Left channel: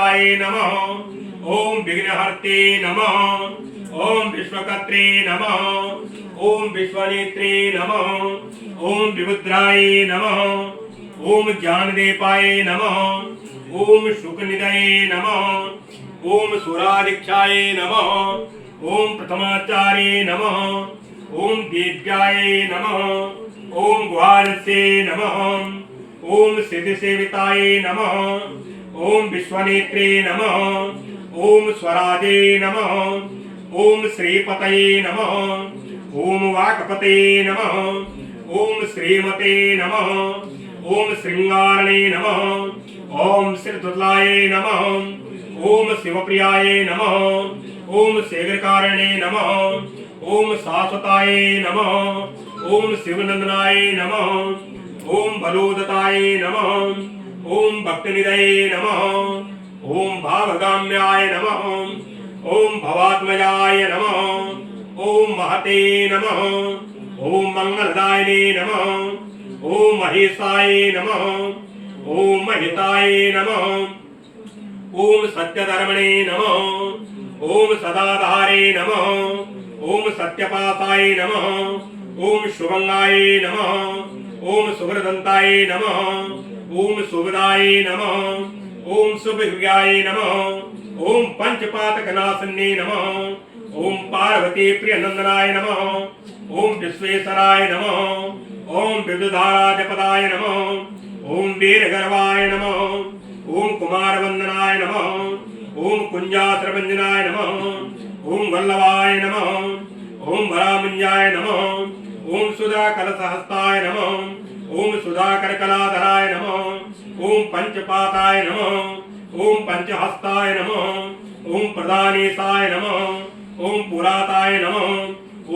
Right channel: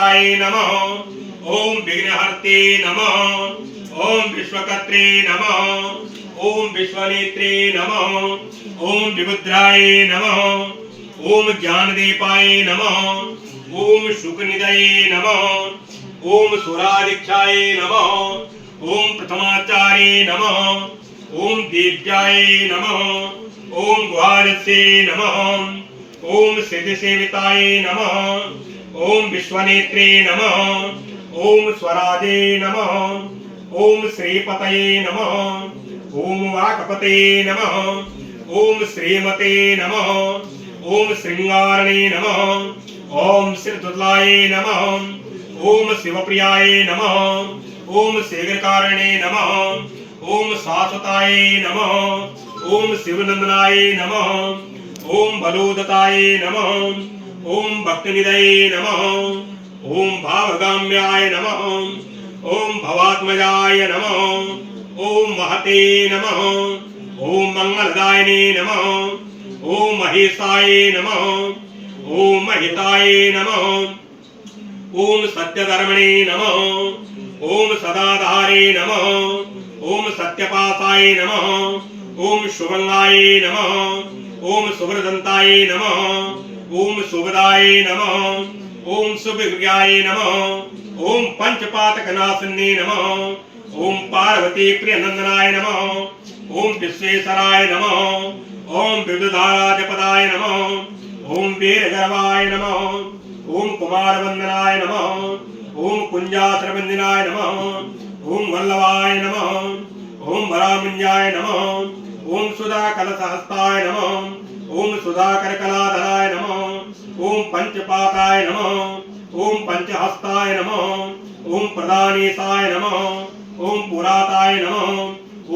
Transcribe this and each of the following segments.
विनायकाय नमः। ओम विघ्नहर्ते नमः। ओम विश्वकर्त्रे नमः। ओम विश्वनेत्रे नमः। ओम विबुद्धाय नमः। ओम ज्ञानदीपाय नमः। ओम शुकनिधये नमः। ओम सुरादीक्षाय नमः। ओम प्रथमाचार्ये नमः। ओम दिव्याय नमः। ओम गुहारस्ये नमः। ओम सिद्धिसेविताय नमः। ओम विश्वनेत्रे नमः। ओम स्वराजे नमः। ओम श्रीपतये नमः। ओम वाक्पते नमः। ओम श्रीमते नमः। ओम श्रृंगारणे नमः। ओम श्रीदुर्लाय नमः। ओम शिवप्रियाय नमः। ओम शीघ्रकारणे नमः। ओम शाश्वताय नमः। ओम शिवनंदनाय नमः। ओम बलोदताय नमः। ओम भक्तनिधये नमः। ओम भावगाम्याय नमः। ओम भवात्मजाय नमः। ओम महते नमः। ओम मंगलदायिने नमः। ओम महेशाय नमः। ओम महिताय नमः। ओम सत्यधर्मणे नमः। ओम सदाधारे नमः। ओम सत्यपाताय नमः। ओम शुभंगाय नमः। ओम शुभ्रदंताय नमः। ओम शुभदाय नमः। ओम शुभविज्ञाय नमः। ओम पंचपातकनाशन्ये नमः। ओम पार्वती प्रियनंदनाय नमः। ओम विश्वेश्वराय नमः। ओम विद्युधाराजपदाय नमः। ओम वीरगर्वाय नमः। ओम कुमारवंदनाय नमः। ओम कुंजात्रभंजनाय नमः। ओम वल्लभाय नमः। ओम वरामंजाय नमः। ओम सुधाकलसहस्ताय नमः। ओम सुधाकरकलाधराय नमः। ओम पंचपाताय नमः। ओम पंचहस्ताय नमः। ओम प्रदानेशाय नमः। ओम पुराताय नमः।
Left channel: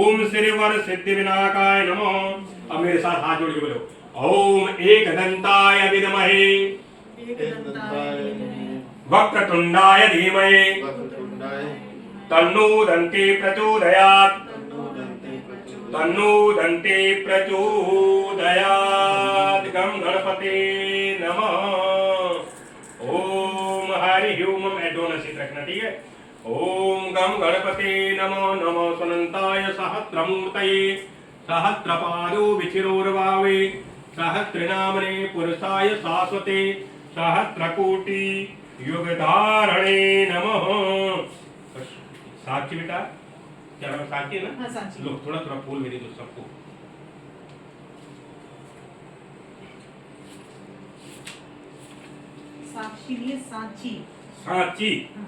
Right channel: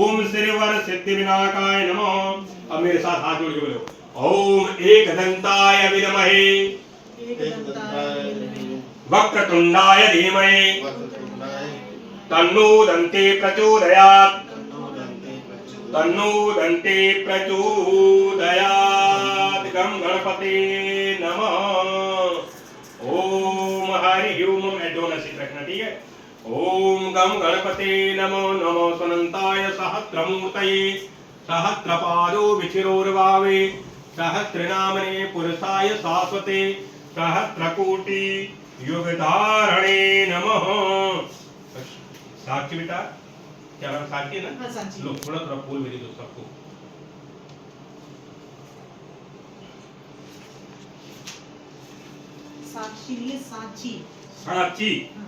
ओम श्रीवर सिद्धिविनायकाय नमः। अब मेरे साथ हाथ जोड़ के बोलो ओम एकदंताय विद्महे वक्रतुंडाय धीमहि तन्नो दन्ते प्रचोदयात्। तन्नो दन्ते प्रचोदयात्। गम गणपते नमः। ओम हरि ओम एडोन ऐसे रखना, ठीक है। ओम गम गणपते नमो नमो सनंताय सहस्रमूर्तये सहस्रपादो विचिरोर्भावे सहस्रनामने पुरुषाय शाश्वते सहस्रकोटि युगधारणे नमः। साक्षी बेटा, क्या नाम साक्षी है ना? हाँ, साक्षी। लो थोड़ा थोड़ा फूल मेरे दो सबको। साक्षी लिए सांची। साक्षी हाँ।